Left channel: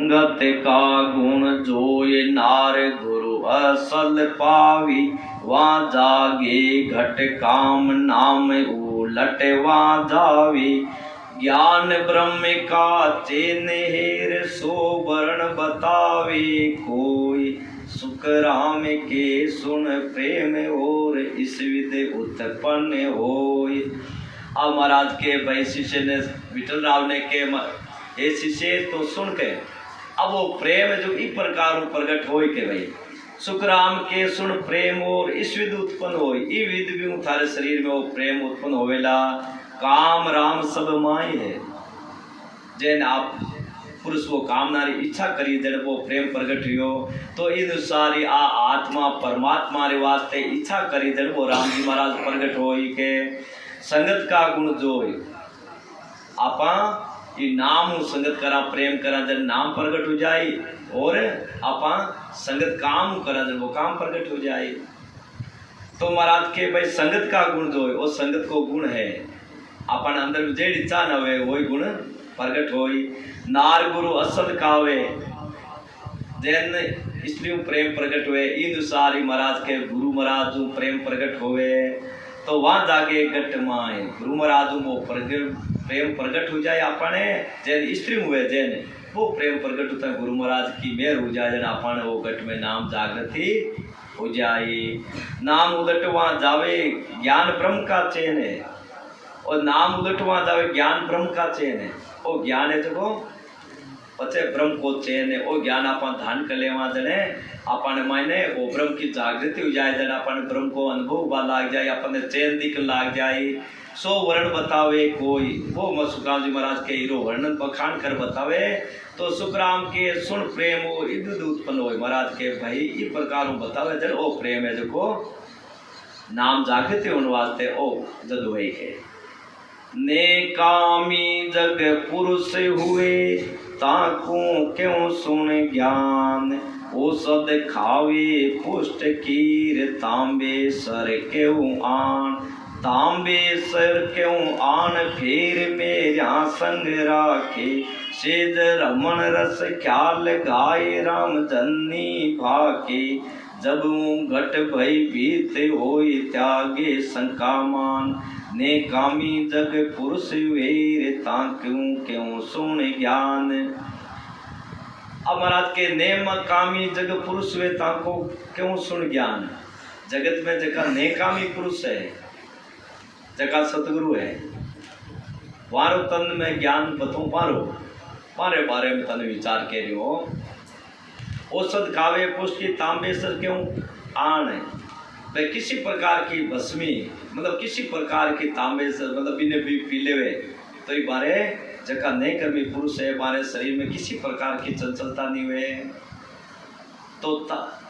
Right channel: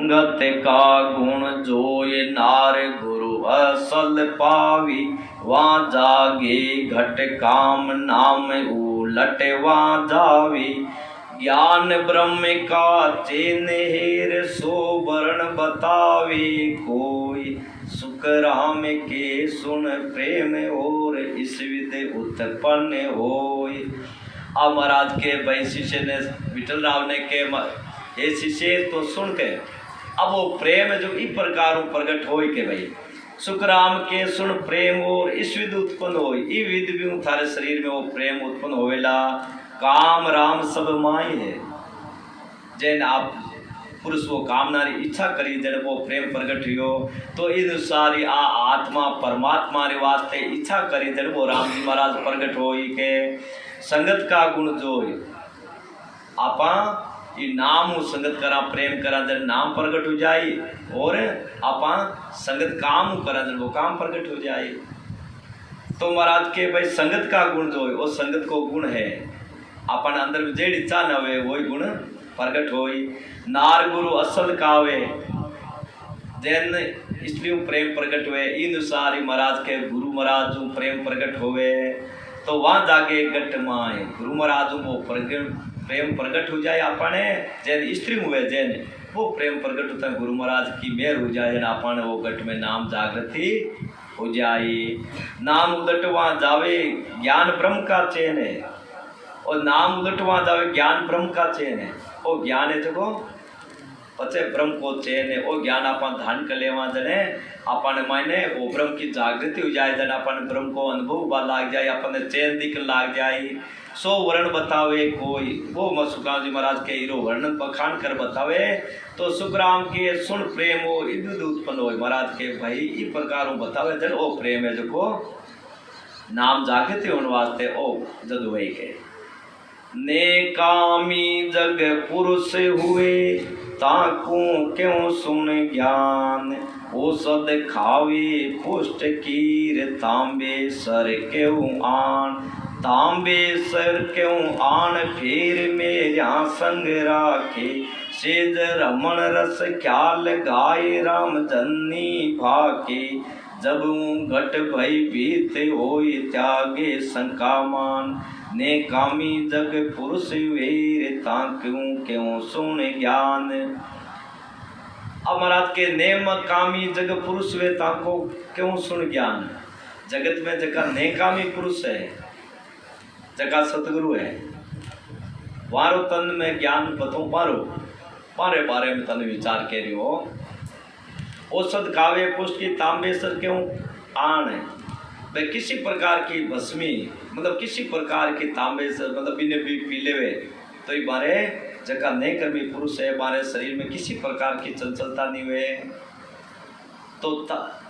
संगत का गुण जोय नार गुरु असल पावी, वहाँ जागे घट काम नाम उलट वहाँ जावी। ज्ञान ब्रह्म का चेन हेर सो वर्ण बतावे, कोई सुख राम के सुन प्रेम और इस विधि उत्पन्न होय। अब महाराज के भाई शिष्य ने विठल राव ने के हे शिष्य तो सुन के अब वो प्रेम जो इस प्रकार प्रकट हो के भाई सुखराम के सुन प्रेम और इस विधि उत्पन्न हो, ई विधि भी थारे शरीर में वो प्रेम उत्पन्न होवेला। काम राम सब माई है, जैन आप पुरुष वो कामना री इच्छा करी जब वो प्रेम प्रकट हुयो तो इन अनुसार आ आत्मा परमात्मा रे वास्ते इच्छा करी जब वो राम जी महाराज प्रकट हो के संगत का गुण जोय आपा ये नाम संगत करा प्रेम करा जब नाम प्रकट हो जाए और आपा संगत काम करा जब वो काम प्रकट हो जाए। तो महाराज के भाई संगत का गुण जो है वो संगत को गुण है अपन अंदर जेड़ इच्छा न हो वही गुण प्रकट हो। नार गुरु असल कावे जैन इसलिए प्रेम प्रकट हुए इन अनुसार महाराज के गुरु महाराज जो प्रेम प्रकट होवे तो वहाँ जाके गट माए गुरु महाराज वो प्रेम प्रकट हो जाए अपने जैन स्त्री हुए जैन वो प्रेम प्रकट होता है गुरु महाराज की मेहर हो जाए जैन अपन वो गट में नाम जागृति हो जाए। नाम उदट वहाँ जावे ज्ञान ब्रह्म का चैन है और नाम उदट वहाँ जावे ज्ञान ब्रह्म का चैन है। वो ज्ञान है जो पचे ब्रह्म को चैन है वो ज्ञान अपन धान कर ले वहाँ जने अपन मायने वो ब्रह्म की जागृति हो जाए जन अपन ब्रह्म को अनुभव लाग जाए अपन चैन दिख लाग जाए। सो वर्ण बतावे कोई वो सुखराम जी महाराज के हीरो वर्णन बखान कर बतावे तो सुखराम के सुन प्रेम वो इधर उत्पन्न हो महाराज के भाई इस प्रकार बतावे जन ओ प्रेम है जो नाम जागृति होने वास्ते ओ जद हुए के ने कामी जग पुरुष हुए ताकू क्यों सुन ज्ञान औषध खावे पुष्ट कीर तांबे सर क्यों आन तांबे सर क्यों आन फिर मेरा संग राखे सेज रमण रस ख्याल गाय राम जन्नी भाके जब घट भई बीत होई त्यागे शंका मान ने कामी जग पुरुष वीर ता क्यों सुन ज्ञान। अब महाराज के नेम कामी जग पुरुष वे ताको क्यों सुन ज्ञान। जगत में जगह नेकामी पुरुष है जगह सतगुरु है वारो तन में ज्ञान बतो पारो पारे बारे में तन विचार के रही हो औषध कावे पुष्ट की तांबे सर क्यों आन है वे किसी प्रकार की भस्मी मतलब किसी प्रकार की तांबे सर मतलब बिने भी पी लेवे तो ये बारे जगह नहीं कर्मी पुरुष है हमारे शरीर में किसी प्रकार की चंचलता नहीं हुए तो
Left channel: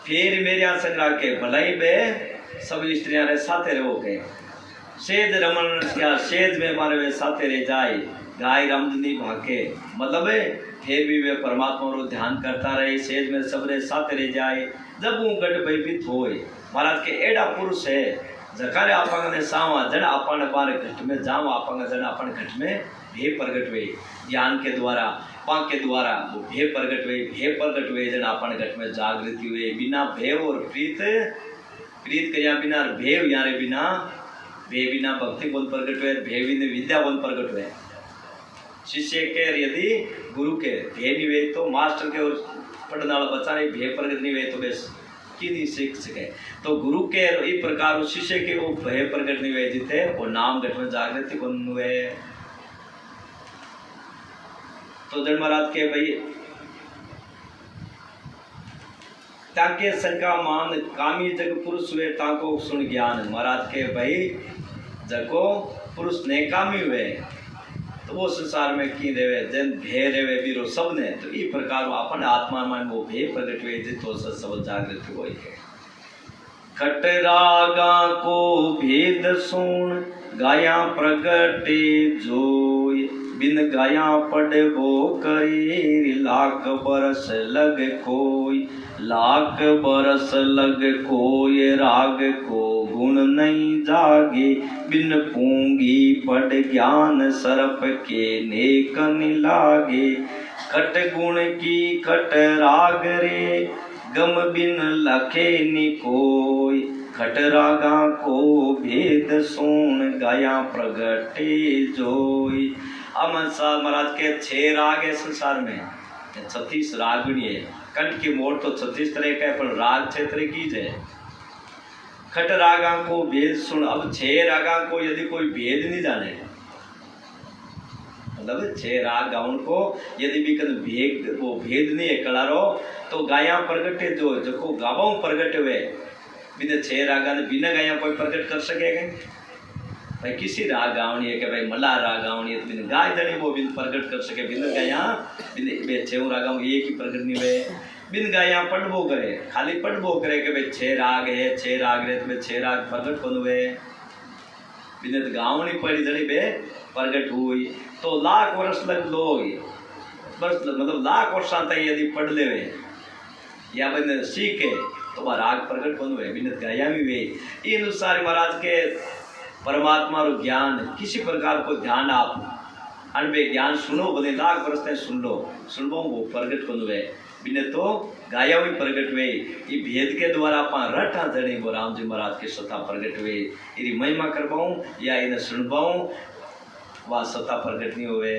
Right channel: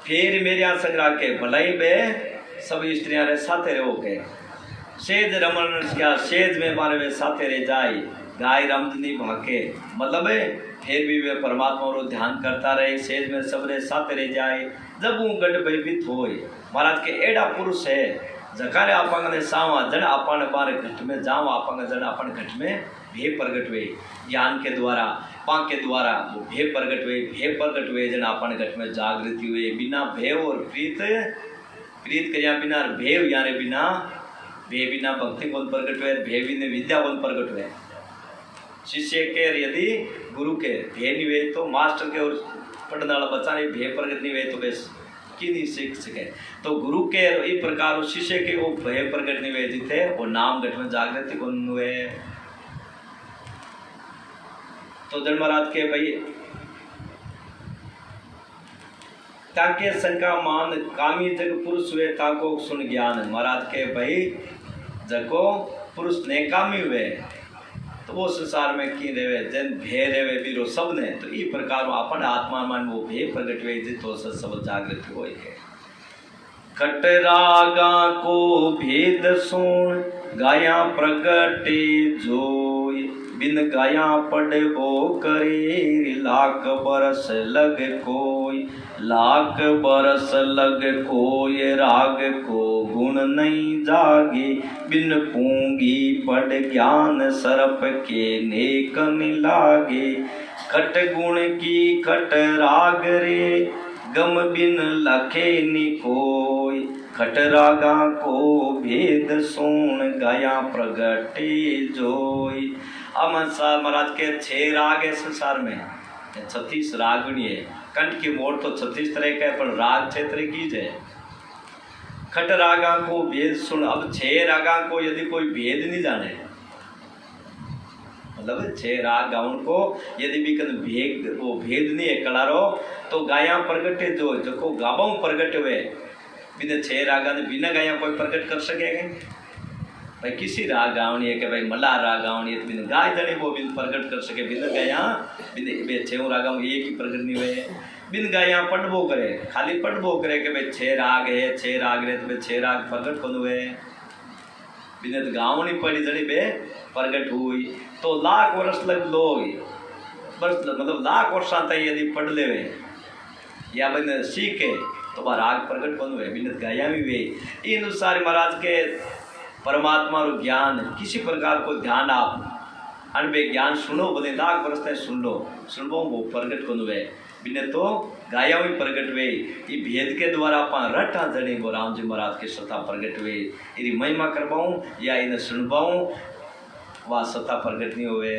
फिर मेरे यहाँ संग्रह के भलाई में सभी स्त्रियां रे साथे रहो के सेज रमन क्या सेज में हमारे वे साथे रह जाए गाय रामजनी भाके मतलब फिर भी वे परमात्मा को ध्यान करता रहे सेज में सब रे साथे रह जाए जब वो गट भयभीत होए महाराज के एड़ा पुरुष है जकारे आपंग ने सावा जन आपन बारे घट में जाओ आपंग जन अपन घट में भे प्रगट हुए ज्ञान के द्वारा पाक के द्वारा वो भे प्रगट हुए जन अपन घट में जागृति हुए बिना भेव और प्रीत करिया बिना भेव यारे बिना बिना भक्ति बोल प्रगट हुए भे बिना विद्या बोल प्रगट हुए। शिष्य के यदि गुरु के भे नहीं हुए तो मास्टर के और पढ़ने वाला बच्चा नहीं भे प्रगट नहीं हुए तो बेस की नहीं सीख सके तो गुरु के इस प्रकार शिष्य के वो भय प्रकट नहीं हुए जिते वो नाम घट में जागृति को हुए। तो जन महाराज के भाई ताके शंका मान कामी जग पुरुष हुए ताको सुन ज्ञान महाराज के भाई जगो पुरुष ने कामी हुए तो वो संसार में की देवे जन भे देवे बीरो सब ने तो इस प्रकार अपन आत्मा मन वो भे प्रकट हुए जितो सब जागृति होई है। कट रागा को भेद सुन गाया प्रगटे जोय बिन गाया पढ़बो करे लाख बरस लग कोई लाख बरस लग कोई राग को गुण नहीं जागे बिन पूंगी पढ़ ज्ञान सर्प के नेक लागे खट गुण की खट राग रे, गम बिन लखे नि कोई। खट रागा को भेद सुन, गाया प्रगटे जोई। अब महाराज के 6 राग है संसार में, 36 रागणी है। कंठ की मोड़ तो 36 तरह का है, पर राग 6 तरह की है। खट रागा को भेद सुन। अब 6 रागा को यदि कोई भेद नहीं जाने, मतलब 6 राग गाउन को यदि भी कल भेद नहीं है कलारो, तो गाया प्रगटे जो गावों प्रगट हुए बिना 6 रागा ने बिना गाया कोई प्रगट कर सकेगा भाई। किसी राग गावनी है कि भाई मला राग गावनी है तो बिना गाय जने वो बिन प्रगट कर सके, बिना गाया बिना 6 रागा में एक ही प्रगट नहीं हुए। बिन गाया पढ़बो करे, खाली पढ़बो करे कि भाई 6 राग है 6 राग रे, तो 6 राग प्रगट कौन हुए, बिना गावनी पड़ी जड़ी बे प्रगट हुई। तो लाख वर्ष लग लो, बस मतलब लाख वर्ष तक यदि पढ़ ले या बिन सीखे तो वह राग प्रगट कौन हुए, बिन गाया भी वे। इन अनुसार महाराज के परमात्मा और ज्ञान किसी प्रकार को ध्यान आप अनबे ज्ञान सुनो, बदे लाख वर्ष तक सुन लो, सुनबो वो प्रगट कौन हुए, बिने तो गाया भी प्रगट हुए। ये भेद के द्वारा आप रटा जड़ी गो राम जी महाराज के सत्ता प्रगट हुए। इरी महिमा करवाऊं या इन्हें सुनवाऊं, वह सत्ता प्रगट नहीं हुए।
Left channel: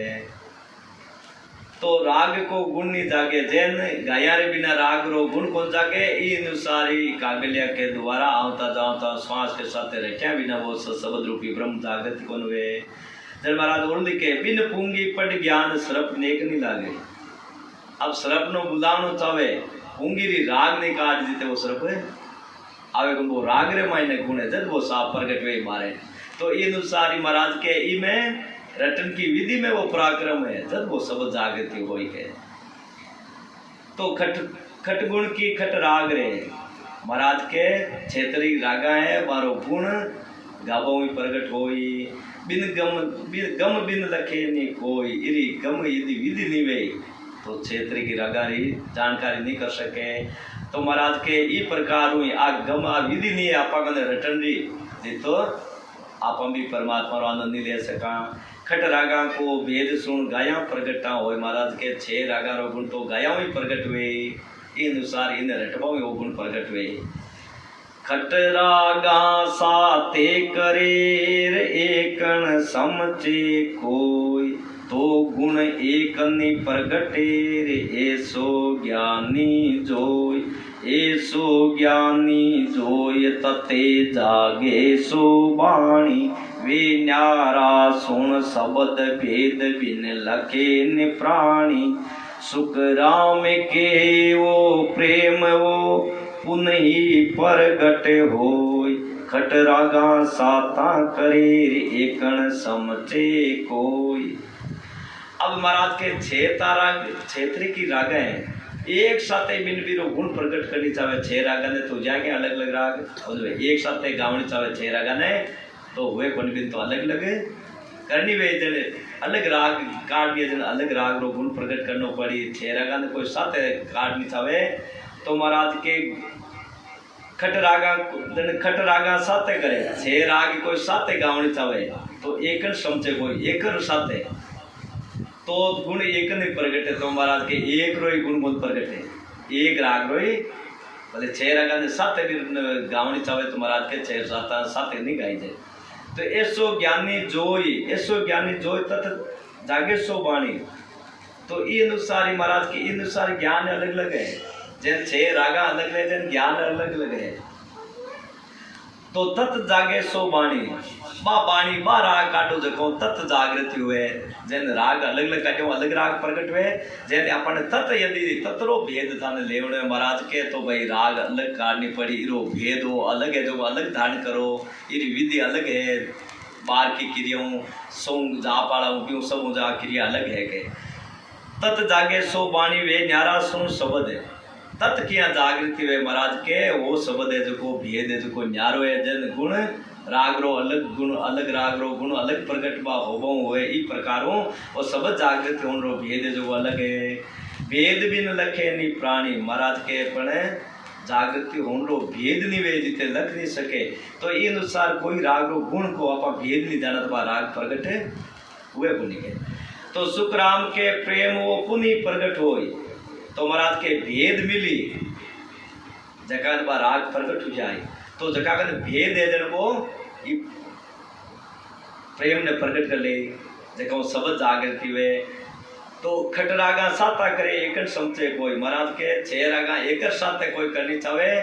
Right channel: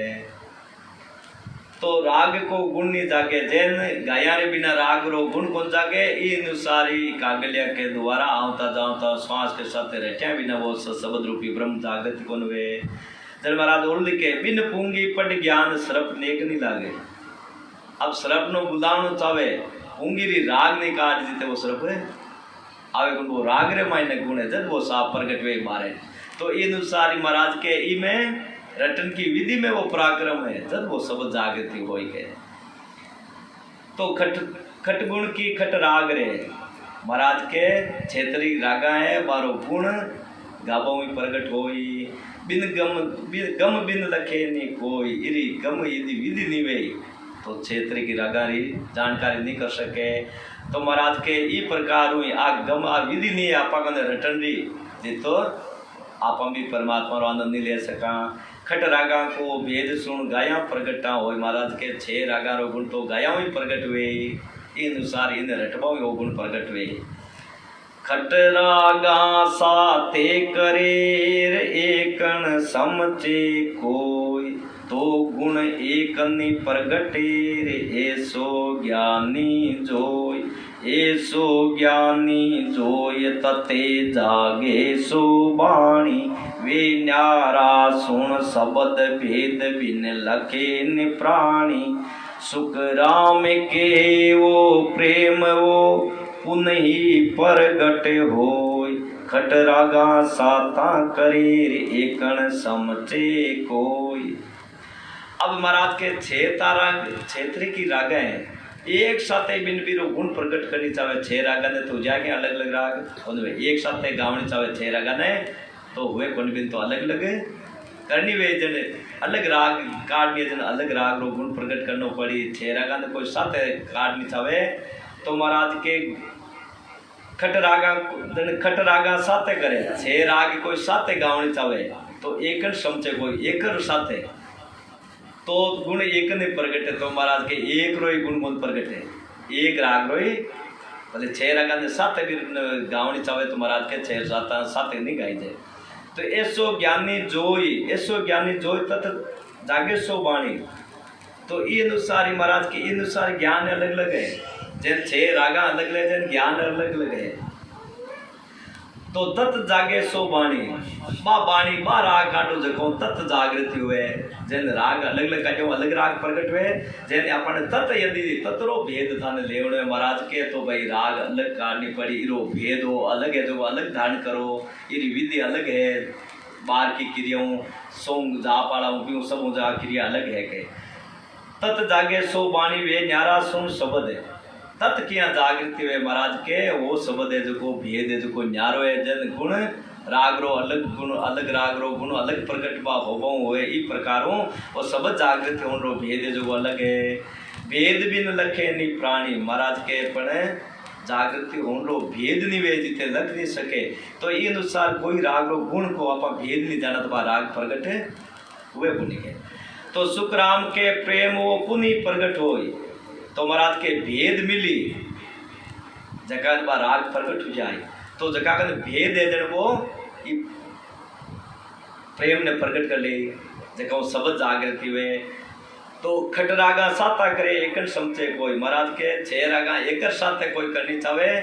तो राग को गुण नहीं जागे, जैन गाया रे बिना राग रो गुण कौन जागे। इन अनुसारी कागलिया के द्वारा आवता जाता श्वास के साथ रटा बिना वो शब्द रूपी ब्रह्म जागृत कौन हुए। जब महाराज और लिखे बिन पूंगी पट ज्ञान सरप नेक नहीं लागे। अब सरप नो बुलावनो चावे, पूंगी री राग नहीं काट जीते वो सरप है आवे को वो राग रे मायने गुण है, जब वो साफ प्रगट वे मारे। तो इन अनुसारी महाराज के ई में रटन की विधि में वो पराक्रम है, जब वो शब्द जागृति हो के। तो खट गुण की खट राग रे, महाराज के क्षेत्री रागा है, बारो गुण गावों में प्रगट होई। बिन गम बिन लखे नहीं कोई, इरी गम यदि विधि नहीं वे तो क्षेत्र की रागारी जानकारी नहीं कर सके। तो महाराज के ई प्रकार हुई आ गम आ विधि नहीं है आपा कने रटन री जी, तो आप भी परमात्मा रो आनंद नहीं ले सका। खट रागा को भेद सुन गाया प्रगटा हो, महाराज के 6 रागा रो गुण तो गाया ही प्रगट हुए। इन अनुसार इन रटवा वो गुण प्रगट हुए। खट रागा साते करे एकन समचे कोई, तो गुण एकनि प्रगटे रे ऐसो ज्ञानी जोय। ऐसो ज्ञानी जोय तते जागे सो बाणी, वे न्यारा सुन शब्द भेद बिन लखे नि प्राणी। सुख राम के वो प्रेम वो पुनहि प्रगट होय, खट रागा साता करे एकन समचे कोई। अब महाराज के 6 तारा क्षेत्र की राग हैं, एक साथ बिन बिरो गुण प्रकट करनी चाहे 6 रागा ने तो जाके अलग अलग राग और एक साथ गावनी चाहे 6 रागा ने तो हुए कौन बिन तो अलग अलग करनी वे जने अलग राग काट दिए, जन अलग राग रो गुण प्रकट करना पड़ी। 6 रागा ने कोई साथ काटनी चाहे तो महाराज के खट रागा साथे करे, 6 राग कोई साथे गावनी चाहे तो एक समझे कोई एक साथे तो गुण एक नहीं प्रगट है। तो महाराज के एक रोई गुण बोल प्रगट है, एक राग रोई बोले 6 रागा ने साथे भी गावनी चाहे तो महाराज के 6 साथे नहीं गाई जाए। तो ऐसो ज्ञानी जोई तथ जागे सो वाणी। तो ये अनुसार ही महाराज के अनुसार ज्ञान अलग अलग है, जैन 6 रागा अलग अलग जैन ज्ञान अलग अलग है। तो तत् जागे सो वाणी, बाणी बा राग काटो देखो तत् जागृति हुए, जैन राग अलग अलग काटो अलग राग प्रकट हुए। जैन अपन तत् यदि तत्रो भेद धान लेवड़े महाराज के तो भाई राग अलग काटनी पड़ी, इरो भेद हो अलग है, जो अलग धारण करो, इरी विधि अलग है। बार की क्रियाओं सोंग जा पाड़ा क्यों सब जा क्रिया अलग है के। तत् जागे सो वाणी वे न्यारा सुन शब्द है, तत् किया जागृति वे महाराज के वो शब्द है जो भेद है जो न्यारो है। जन गुण राग रो अलग गुण अलग राग रो गुण अलग प्रकट बा होबो हुए ई प्रकारों और शब्द जागृति होन रो भेद है जो अलग है। भेद बिन लखे नहीं प्राणी, महाराज के पणे जागृति होन रो भेद नहीं वे जिते लख नहीं सके। तो ये अनुसार कोई राग रो गुण को आप भेद नहीं जाना तो राग प्रकट हुए गुण के। तो सुखराम के प्रेम वो पुनः प्रगट होई तो महाराज के भेद मिली जका बा राग प्रगट हो जाए तो जका का भेद है जन वो प्रेम ने प्रगट कर ले जका वो शब्द जागृति वे तो खट रागा साता करे एक समझे कोई महाराज के 6 रागा एक साथ कोई करनी चाहे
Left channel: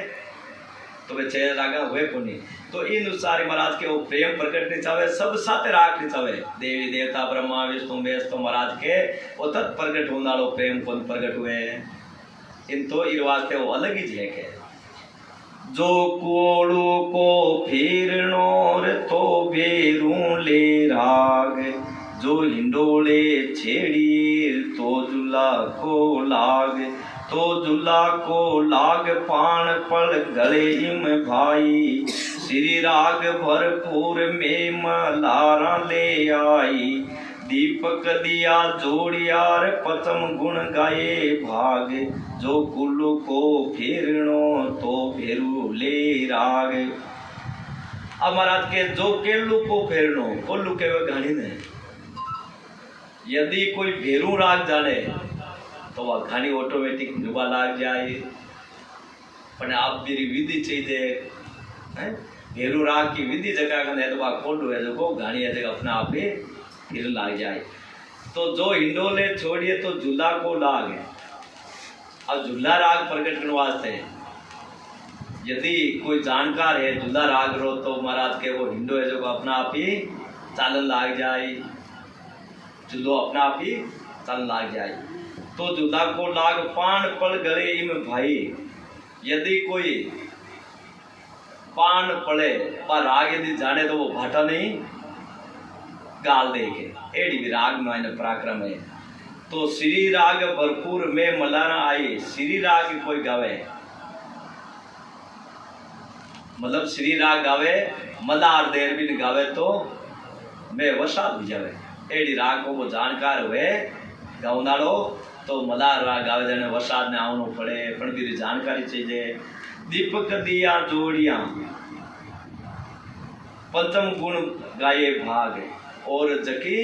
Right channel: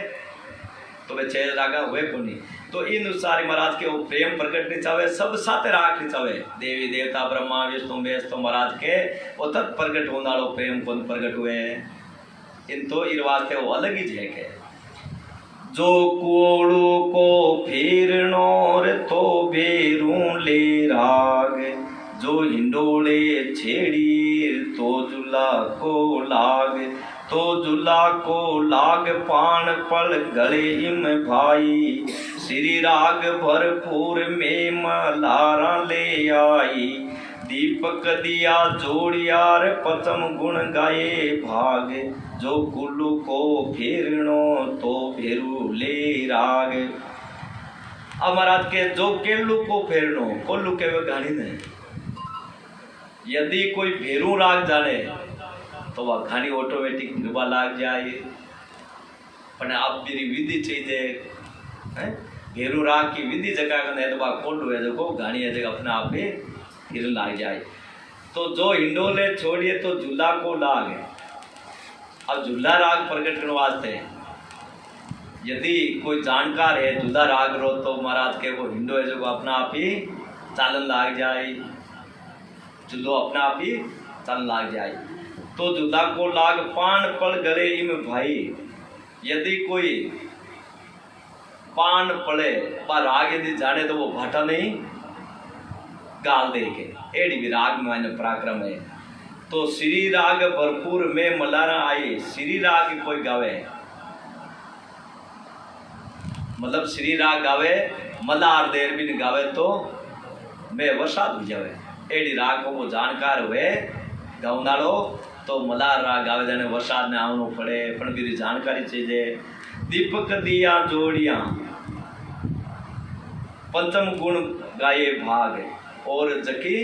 तो वे 6 रागा हुए कोनी तो इन अनुसार महाराज के वो प्रेम प्रकट नहीं चाहे सब साथ राख नहीं चाहे देवी देवता ब्रह्मा विष्णु महेश तो महाराज के वो तत् प्रकट होने वालों प्रेम कौन प्रकट हुए इन तो इस वास्ते वो अलग ही झेक है जो कोड़ू को फेरनोर तो बेरू ले राग जो हिंडोले छेड़ी तो जुला को लाग तो जुला को लाग पान पल गले इम भाई श्री राग भरपूर में मलारा ले आई दीपक दिया जोड़ियार पचम गुण गाए भाग जो कुल्लू को फेरनो तो फेरू ले राग अब महाराज के जो केलू को फेरनो कोल्लू के वे घाणी ने यदि कोई भेरू राग जाने तो वह घाणी ऑटोमेटिक फिरवा लाग जाए पर आप मेरी विधि चाहिए भेरू राग की विधि जगह है तो वह कोल्लू है जो घाणी है जगह अपने आप ही फिर लाग जाए तो जो हिंडोले छोड़िए तो झूला को लाग है अब झूला राग प्रकट करने वास्ते यदि कोई जानकार है झूला राग रो तो महाराज के वो हिंडो है जो अपना आप ही चालन लाग जाए झूलो अपना आप ही चालन लाग जाए तो झूला को लाग पान पड़ गले इम भाई यदि कोई पान पड़े पर राग यदि जाने तो वो भाटा नहीं गाल दे के एडी भी राग में पराक्रम है तो श्री राग भरपूर में मलारा आई श्री राग कोई गावे मतलब श्री राग गावे मलार देर भी गावे तो मैं वसाद भी जावे एडी राग को वो जानकार हुए गावनालो तो मलार राग गावे जने वसाद ने आवनो पड़े पण भी जानकारी चाहिए दीपक दिया जोड़िया पंचम गुण गाये भाग और जकी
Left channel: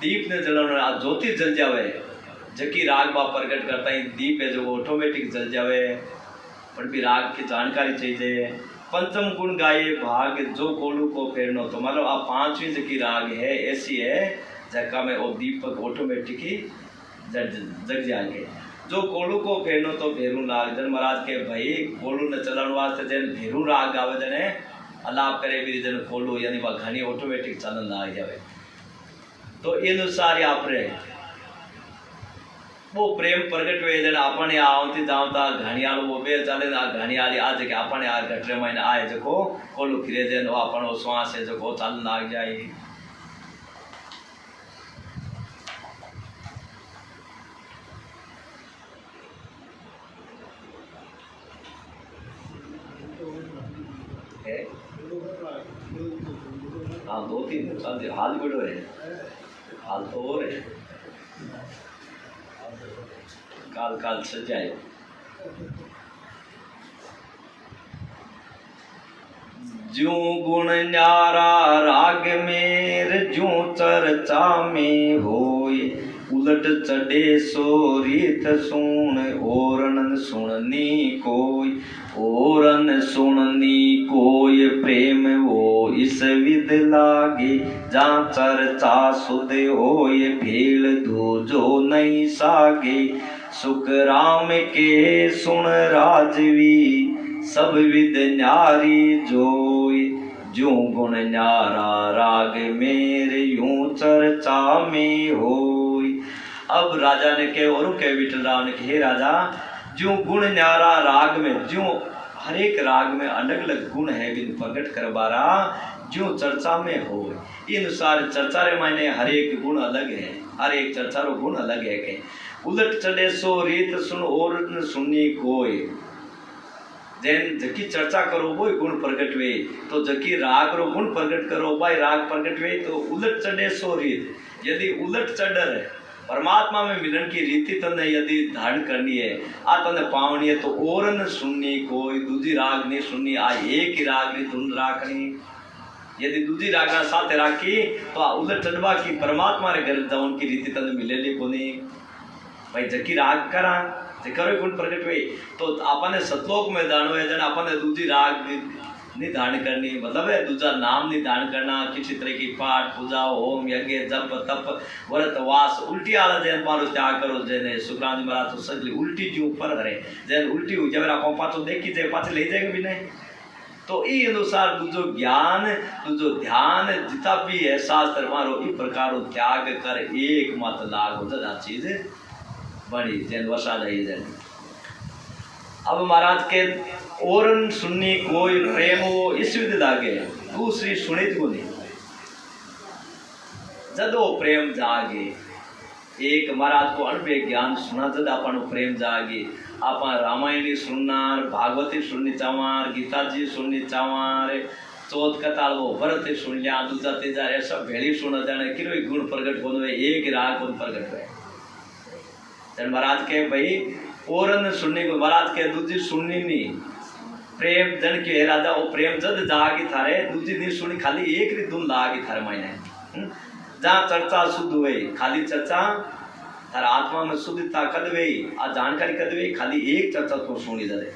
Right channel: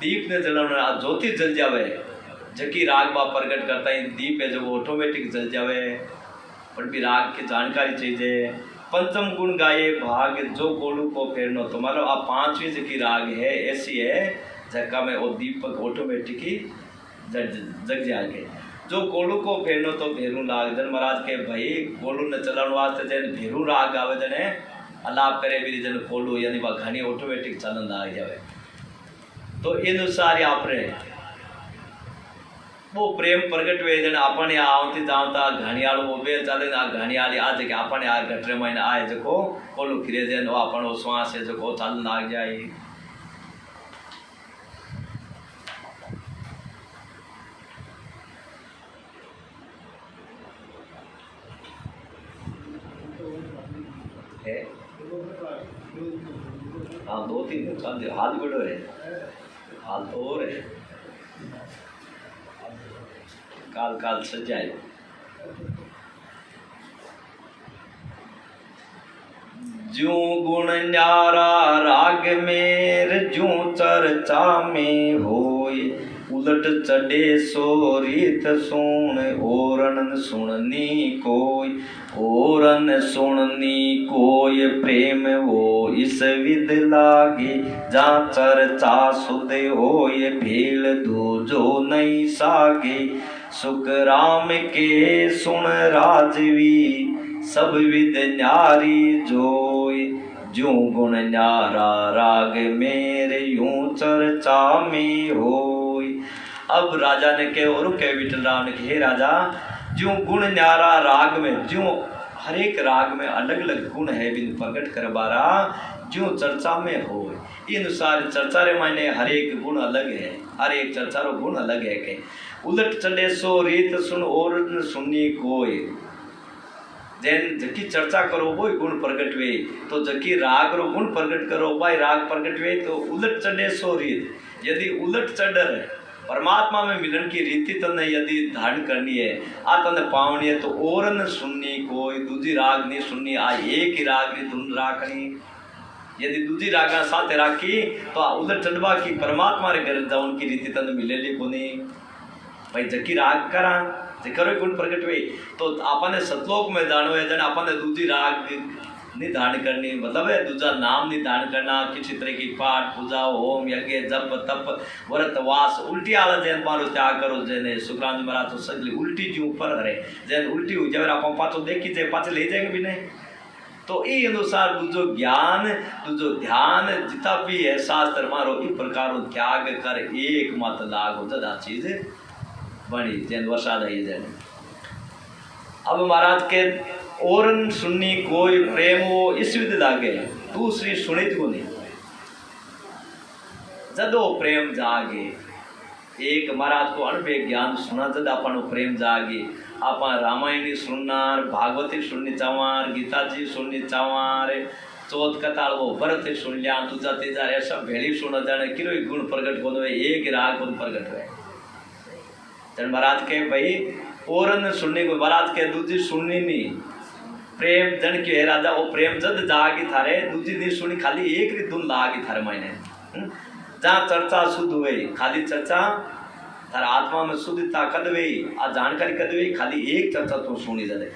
दीप ने जलाना ज्योति जल जावे जकी राग बा प्रकट करता है दीप है जो ऑटोमेटिक जल जावे पर भी राग की जानकारी चाहिए पंचम गुण गाये भाग जो कोलू को फेरनो तो मतलब आप 5वीं जकी राग है ऐसी है जका में वो दीपक ऑटोमेटिक ही जग जाएंगे जो कोलू को फेरनो तो भेरू लाग जन महाराज के भाई कोलू ने चलाने वास्ते जन भेरू राग आवे जने अलाप करे भी जन कोलू यानी वह घनी ऑटोमेटिक चलन लाग जाए तो इन अनुसार आपने वो प्रेम प्रगट हुए जन अपने आवती जावता घणियाल वो बेर चले आ घणियाल आज के अपने आ घटरे महीने आए जो कोलू फिरे जन अपन श्वास है जो चलन लाग जाए है हाँ 2-3 साल हाल बड़ो है हाल तो और है काल काल सजाए ज्यों गुण न्यारा राग मेर ज्यों चर्चा में होई उलट चढ़े सो रीत सुन ओरन सुननी कोई ओरन सुननी कोई प्रेम वो इस विद लागे जा चर्चा सुध होय भेल दो जो नहीं सागे सुख राम के सुन राजवी सब विद न्यारी जोय ज्यों गुण न्यारा राग मेरे यूं चर्चा में होय। अब राजा ने के और के विठल राम ने हे राजा ज्यों गुण न्यारा राग में ज्यों हर एक राग में अलग अलग गुण है बिन प्रकट करबारा ज्यों चर्चा में हो इन अनुसार चर्चा रे मायने हर एक गुण अलग है हर एक चर्चा रो गुण अलग है के उलट चले सो रीत सुन और सुननी कोई जैन जकी चर्चा करो वो गुण प्रकट वे तो जकी राग रो गुण प्रकट करो भाई राग प्रकट वे तो उलट चढ़े सो रीत यदि उलट चढ़ है परमात्मा में मिलन की रीति तने यदि धारण करनी है आ तने पावनी है तो और न सुननी कोई दूसरी राग नहीं सुननी आ एक ही राग नहीं धुन राखनी यदि दूजी रागा साथ राखी तो आ उलट चढ़वा की परमात्मा रे घर जाऊन की रीति तन मिलेली कोनी भाई जकी राग करा जे करो गुण प्रकट हुए तो आपने सतलोक में जानो है जन आपने दूजी राग नहीं धारण करनी मतलब है दूजा नाम नहीं धारण करना किसी तरह की पाठ पूजा होम यज्ञ जप तप व्रत वास उल्टी आला जैन मारो त्याग करो जेने सुखराम जी महाराज तो सगली उल्टी जी ऊपर हरे जैन उल्टी हो जावे आप पाछो देखी जाए पाछे ले जाएंगे भी नहीं तो ई अनुसार दूजो ज्ञान दूजो ध्यान जितना भी है शास्त्र मारो ई प्रकार त्याग कर एक मत लाग हो जदा चीज बनी जैन वसा रही जैन अब महाराज के और सुननी कोई प्रेम हो इस विधि लागे दूसरी सुनित को नहीं जदो प्रेम जागे एक महाराज को अणबे ज्ञान सुना जद अपन प्रेम जागे आप रामायणी सुननार भागवती सुननी चावार गीता जी सुननी चावार चौथ कथा वो भरत सुन लिया दूजा तीजा ऐसा भेड़ी सुन जाने कि गुण प्रकट हो एक राग गुण प्रकट हुए जन महाराज के भाई और सुनने को महाराज के दूजी सुननी नहीं प्रेम जन के राजा वो प्रेम जद जागी थारे दूजी नहीं सुनी खाली एक री धुन लागी थारे मायने जहाँ चर्चा शुद्ध हुई खाली चर्चा थारा आत्मा में शुद्धता कद हुई आ जानकारी कद हुई खाली एक चर्चा तो सुनी जाए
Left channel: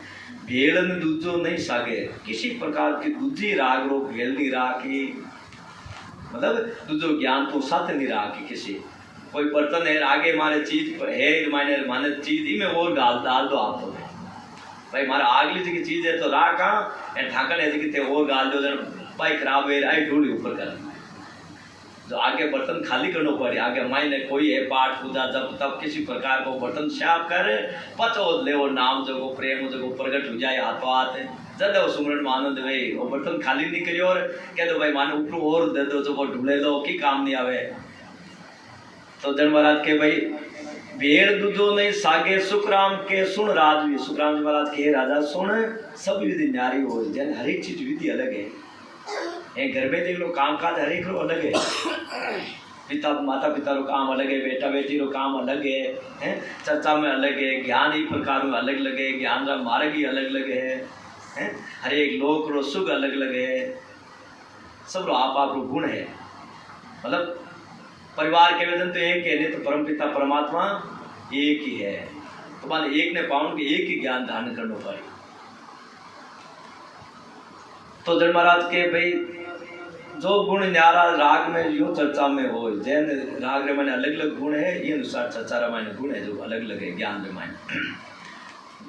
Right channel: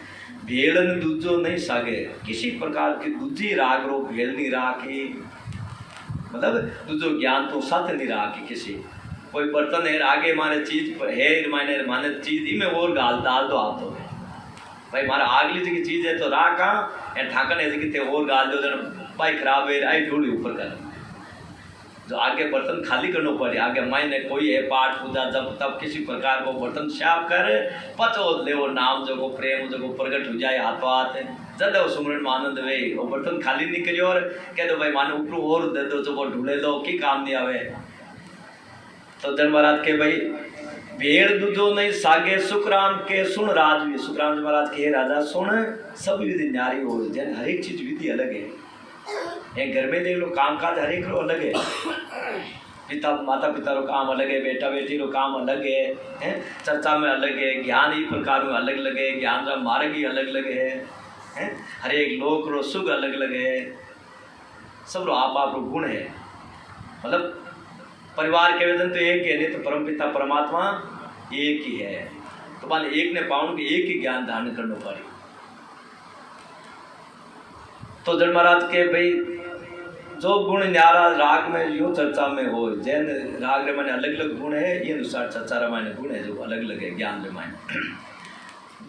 भेड़ ने दूजो नहीं सागे किसी प्रकार की दूजी राग रो भेड़ नहीं राखी मतलब दूजो ज्ञान तो साथ नहीं राखी किसी कोई बर्तन है आगे माने चीज है माने चीज ही में और डाल दो आप तो भाई मारा आगली जगह चीज है तो राखा ए ढाकन है जगह ते और गाल दो जन भाई खराब है आई ढूंढी ऊपर कर जो आगे बर्तन खाली करना पड़े आगे मायने कोई है पाठ पूजा जब तब किसी प्रकार को बर्तन साफ कर पचो ले वो नाम जो प्रेम जो प्रकट हो जाए हाथ हाथ जब वो सुमरन में आनंद वे वो बर्तन खाली नहीं करियो और कह दो भाई मानो ऊपर और दे दो जो वो ढूंढे दो की काम नहीं आवे तो जन महाराज के भाई भेड़ दूजो नहीं सागे सुखराम के सुन राजवी सुखराम जी महाराज के राजा सुन सब विधि न्यारी हो जन हर एक चीज विधि अलग है एक घर में देख लो काम काज हर एक रो अलग है पिता माता पिता रो काम अलग है बेटा बेटी रो काम अलग है चर्चा में अलग है ज्ञान ही प्रकार में अलग अलग है ज्ञान का मार्ग ही अलग अलग है हर एक लोक रो सुख अलग अलग है सब रो आप रो गुण है मतलब परिवार के वेदन तो एक है नहीं तो परमपिता परमात्मा एक ही है तो मान एक ने पाउन के एक ही ज्ञान धारण करना पड़े तो जन महाराज के भाई जो गुण न्यारा राग में यूं चर्चा में हो जैन राग रे माने अलग अलग गुण है ये अनुसार चर्चा रे माने गुण है जो अलग अलग है ज्ञान रे माने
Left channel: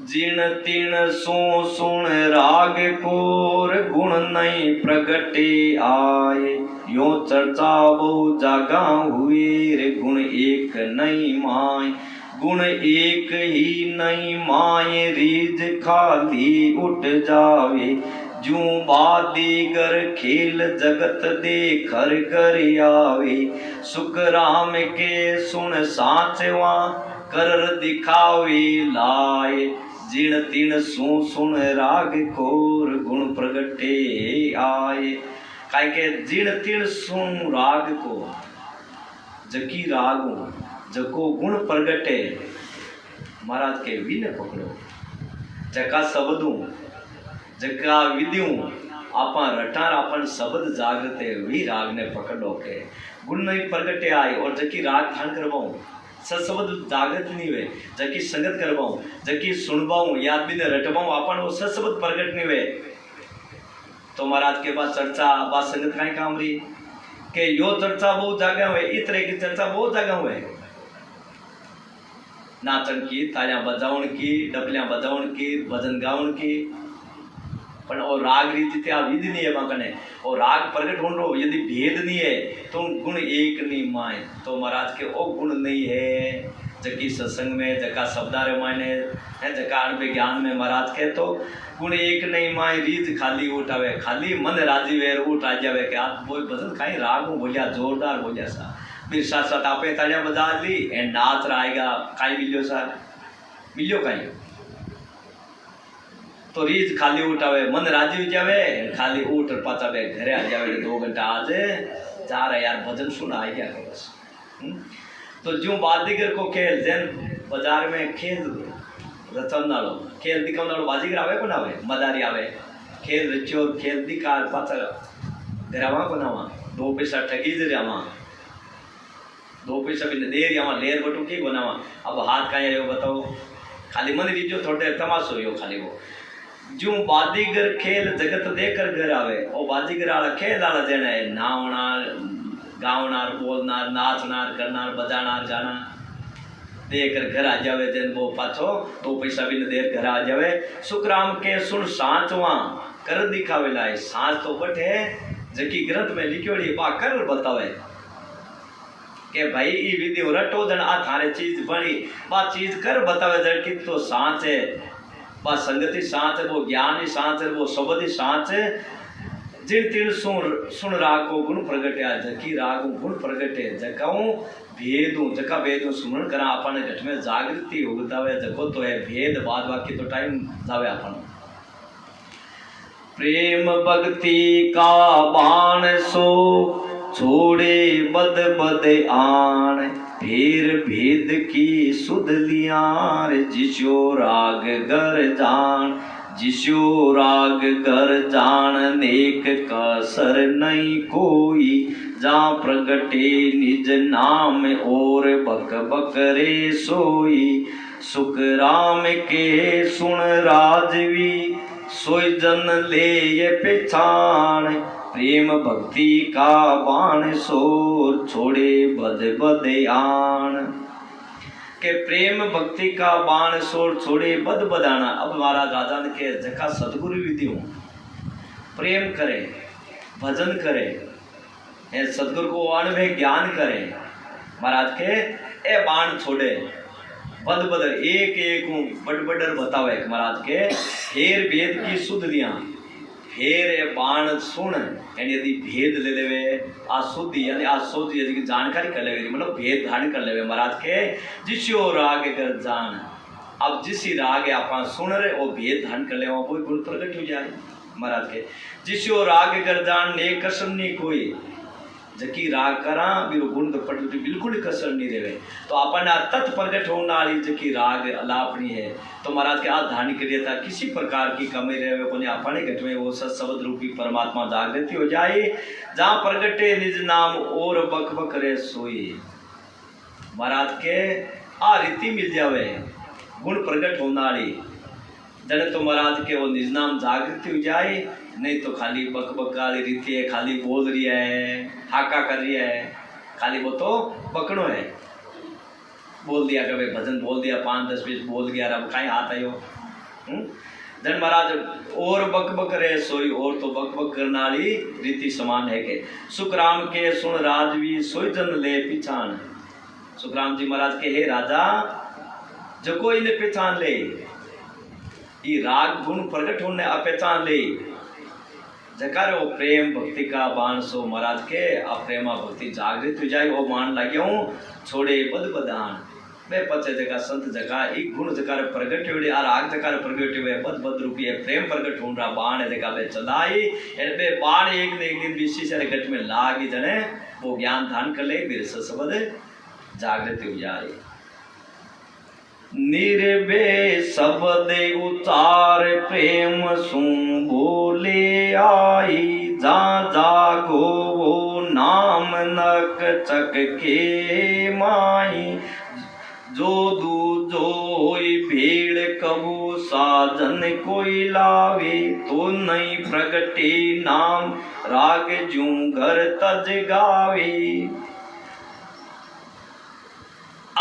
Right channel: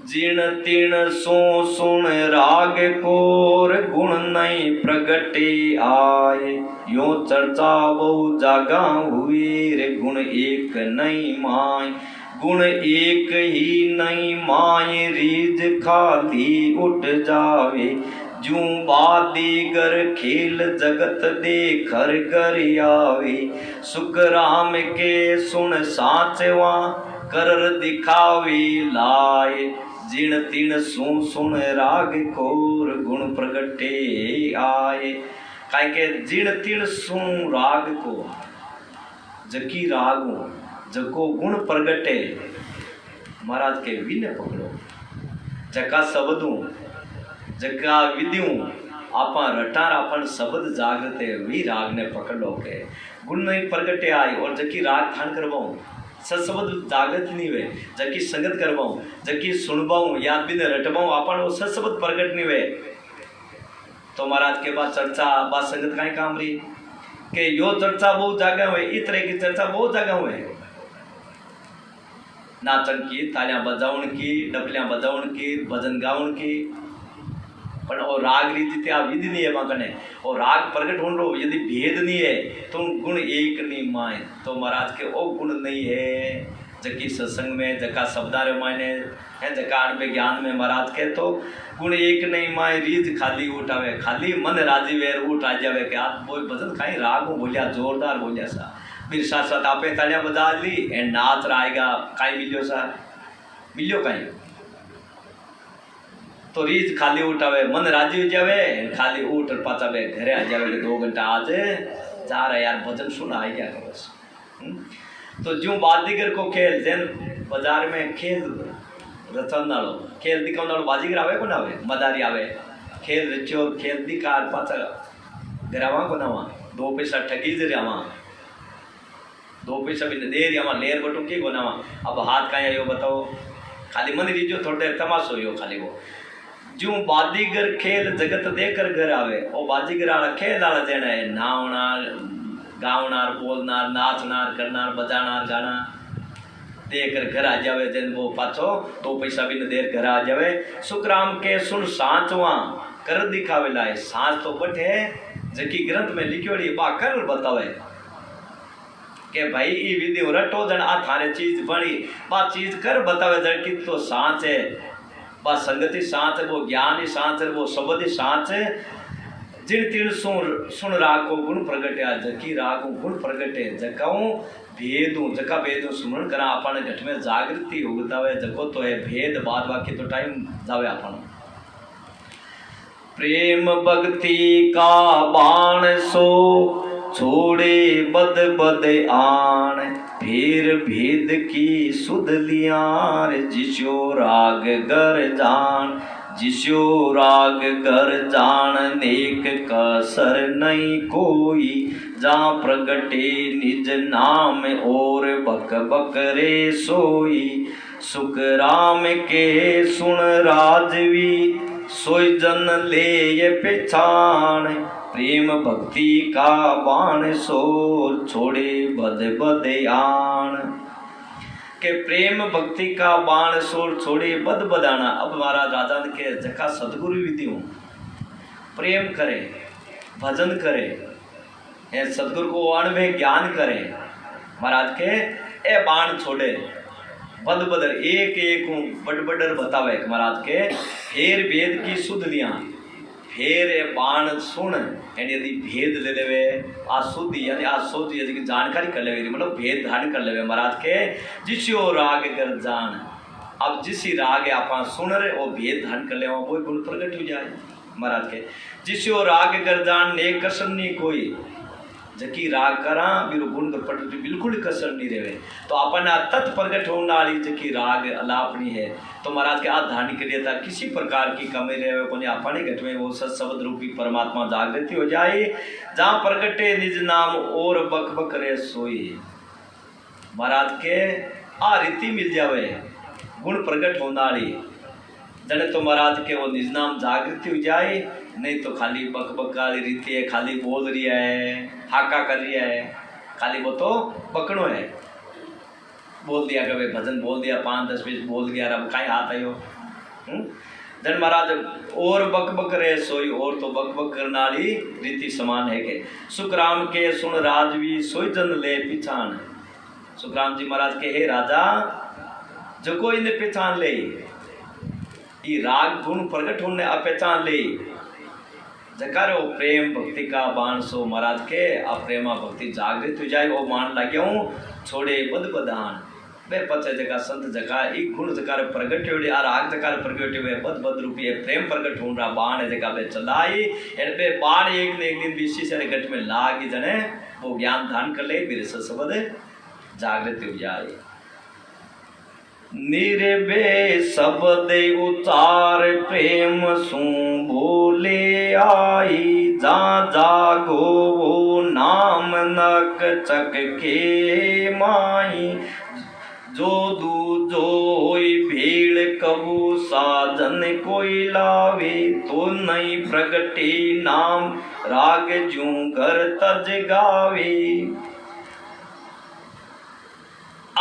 जिन तीन सो सुन राग कोर गुण नहीं प्रगटे आए यो चर्चा बहु जागा हुई रे गुण एक नहीं माय गुण एक ही नहीं माय रीज खाली उठ जावे जू बादीगर खेल जगत देखर कर आवे सुख राम के सुन साचवा कर दिखावे लाए जिण तीन सुन राग खोर गुण प्रगटे आए काहे के जिण तीन सुन राग को जकी राग जको गुण प्रगटे महाराज के विने पकड़ो जका शब्दों जका विधियों आपन रटार आपन शब्द जागते वी राग ने पकड़ो के गुण नहीं प्रगटे आए और जकी राग धारण करवाऊं सत्शब्द जागृत नहीं हुए जकी संगत करवाऊं जकी सुनवाऊं याद भी ने रटवाऊं अपन वो सत्शब्द प्रकट नहीं हुए तो महाराज के पास चर्चा बात संगत का ही काम रही कि यो चर्चा बहुत जगह हुए इस तरह की चर्चा बहुत जगह हुए नाचन की तालियां बजाउन की डबलियां बजाउन की भजन गाउन की पर और राग रीति त्या विधि नहीं है वहां और राग प्रकट हो रो यदि भेद नहीं है तो गुण एक नहीं माए तो महाराज के ओ गुण नहीं है जकी सत्संग में जका शब्दारे मायने है जका अणबे ज्ञान में महाराज के तो गुण एक नहीं माए रीज खाली उठावे खाली मन राजी वे उठ आ जावे कि आप वो भजन खाई राग बोलिया जोरदार बोलिया सा फिर साथ साथ आपे तालियां बजा ली एंड नाच आएगा काई मिलियो सा मिलियो काई तो रीज खाली उठावे मन राजी हो जावे खाली उठ और पाचा वे घरे आ जावे 2 घंटा आज जा रहा यार भजन सुना आई क्या करो तो जो बाजीगर को खेल जैन बाजार में खेल रचन नालो खेल दिखाव नालो बाजीगर आवे को ना आवे मदारी आवे खेल रचियो खेल दिखा पाचा घरावा को नावा 2 पैसा ठगी जरियावा 2 पैसा भी दे रियावा लेर बटू की बनावा अब हाथ कहीं आयो बताओ खाली मन रीजो थोड़ी देर तमाशो हो खाली वो जो बाजीगर खेल जगत देकर घर आवे और बाजीगर आला खेल आला जेना है नावनार गावनार बोलनार नाचनार करनार बजानार गाना देकर घर आ जावे तेन वो पाछो 2 पैसा भी न देर घर आ जावे सुखराम के सुन सांचवा कर दिखावे लाए सांच तो बटे जकी ग्रंथ में लिखियोड़ी बा कर बतावे के भाई ई विधि रटो जन आ थारे चीज बनी बा चीज कर बतावे जन की तो सांच है बा संगति सांच है वो ज्ञान ही सांच है वो शब्द ही सांच है जिन तीन सुन रागो गुण प्रगटे जकी रागो गुण प्रगटे जकाऊ भेदू जका भेदू सुमरण करा अपन घट में जागृति उगतावे जको तो है भेद बाद बाकी तो टाइम जावे अपन प्रेम भक्ति का बाण सो छोड़े बद बद आन फिर भेद की सुध लियार जिस्यो राग गर जान जिस्यो राग गर जान नेक कसर नहीं कोई जहाँ प्रगटे निज नाम और बक बक रे सोई सुख राम के सुन राजवी सोई जन ले ये पहचान प्रेम भक्ति का बाण सो छोड़े बद बद आन के प्रेम भक्ति का बाण सोर छोड़े बद बदाना। अब महाराज राजा के जका सदगुरु विधियों प्रेम करे भजन करे सदगुरु को अनुभव ज्ञान करे महाराज के ए बाण छोड़े बद बदर एक एक बड बडर बतावे महाराज के फेर भेद की सुध लिया फेर ए बाण सुन यानी यदि भेद ले लेवे आ शुद्ध यानी आ शुद्ध यदि जानकारी कर लेवे मतलब भेद धारण कर लेवे महाराज के जिस्यो राग कर जान अब जिसी राग आपा सुन रहे वो भेद धारण कर ले कोई गुण प्रकट हो जाए महाराज के जिस्यो राग कर जान ने कसर नहीं कोई जकी राग करा बिरु गुण पट बिल्कुल कसर नहीं रहे तो अपन तत् प्रगट होने वाली जकी राग अलापनी है तो महाराज के आज धारण के लिए था किसी प्रकार की कमी रहे को अपने घट में वो सत्शब्द रूपी परमात्मा जागृति हो जाए जहाँ प्रगटे निज नाम और बक बक रे सोई महाराज के आ रीति मिल जावे गुण प्रगट होने वाली जने तो महाराज के वो निज नाम जागृति हो जाए नहीं तो खाली बक बक वाली रीति है खाली बोल रही है हाका कर रही है खाली वो तो बकड़ो है बोल दिया कभी भजन बोल दिया 5-10-20 बोल गया अब कहीं हाथ आयो जन महाराज और बक बक रे सोई और तो बक बक करने वाली रीति समान है के सुखराम के सुन राजवी सोई जन ले पिछान सुखराम जी महाराज के हे राजा जो कोई ने पहचान ले ये राग गुण प्रकट होने पहचान ले जकार वो प्रेम भक्ति का बाण सो महाराज के अप्रेमा भक्ति जागृत हो जाए वो मान लगे छोड़े बद बदान वे पचे जगह संत जगह एक गुण जकार प्रगट हुए और आग जकार प्रगट हुए बद बद रूपी है प्रेम प्रगट हो रहा बाण जगह पे चलाई एन पे बाण एक न एक दिन विशेष से गट में लागी जने वो ज्ञान धान कर ले मेरे सबद जागृत हो जाए निर्भे शब्द उचार प्रेम सु बोले आई जा जागो वो नाम नक चक के माई जो दूजो भीड़ कबू साधन कोई लावे तो नहीं प्रगटे नाम राग जू घर तज गावे।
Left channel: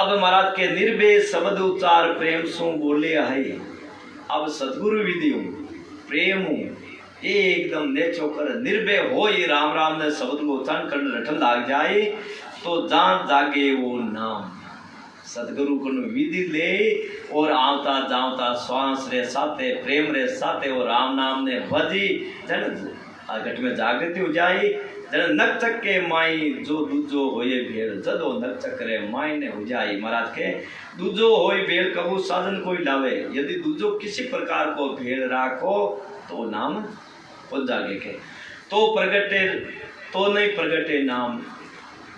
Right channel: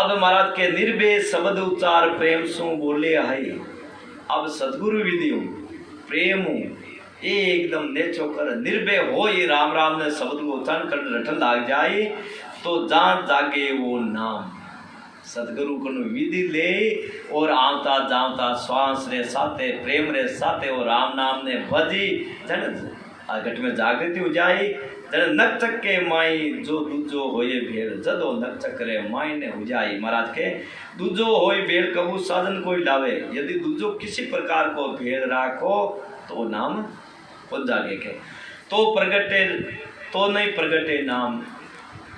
अब महाराज के निर्भे शब्द उच्चार प्रेम सु बोले है अब सदगुरु विधि प्रेम एकदम नेचो कर निर्भय हो ये राम राम ने शब्द को उच्चारण कर रटन लाग जाए तो जहाँ जागे वो नाम सदगुरु को विधि ले और आवता जावता श्वास रे साथे प्रेम रे साथे और राम नाम ने भजी जन घट में जागृति हो जाए जन नक चक्के माई जो दूजो होए भेड़ जदो नक चक्रे माई ने हो जाए महाराज के दूजो होए भेड़ कबू साधन कोई लावे यदि दूजो किसी प्रकार को भेड़ राखो तो नाम हो जागे के तो प्रगटे तो नहीं प्रगटे नाम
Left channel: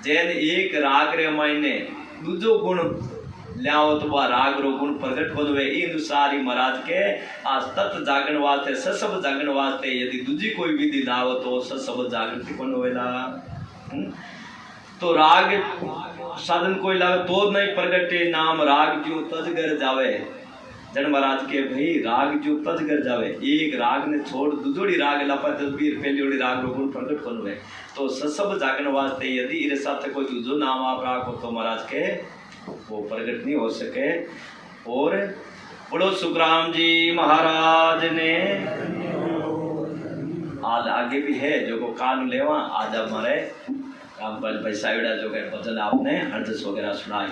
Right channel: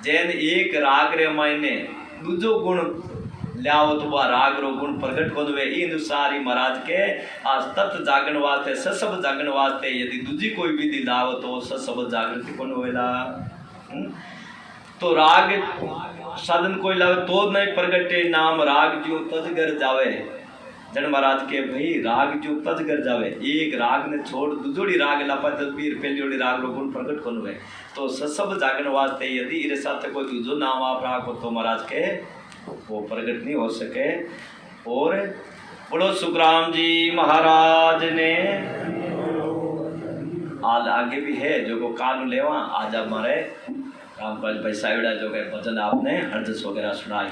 जैन एक राग रे माई ने दूजो गुण लियाओ तो वह राग रो गुण प्रकट हो गए। इन सारी महाराज के आज तत्व जागरण वास्ते ससब जागरण वास्ते यदि दूजी कोई विधि लाओ तो ससब जागृति कौन होएला। तो राग साधन कोई लावे तो नहीं प्रगटे नाम राग जो तजगर जावे। जन महाराज के भाई राग जो तजगर जावे एक राग ने छोड़ दूसरी राग लापा तस्वीर पहली राग रो गुण प्रकट कौन हुए। तो ससब जागरण वास्ते यदि इरे साथ कोई दूसरो नाम आप राखो तो महाराज के वो प्रकट नहीं हो सके। और बोलो सुखराम जी महाराज ने। आज आगे भी है जो को कान लेवा आज हमारे रामपाल भाई साहिबड़ा जो के भजन आपने हरजस वगैरह सुनाई।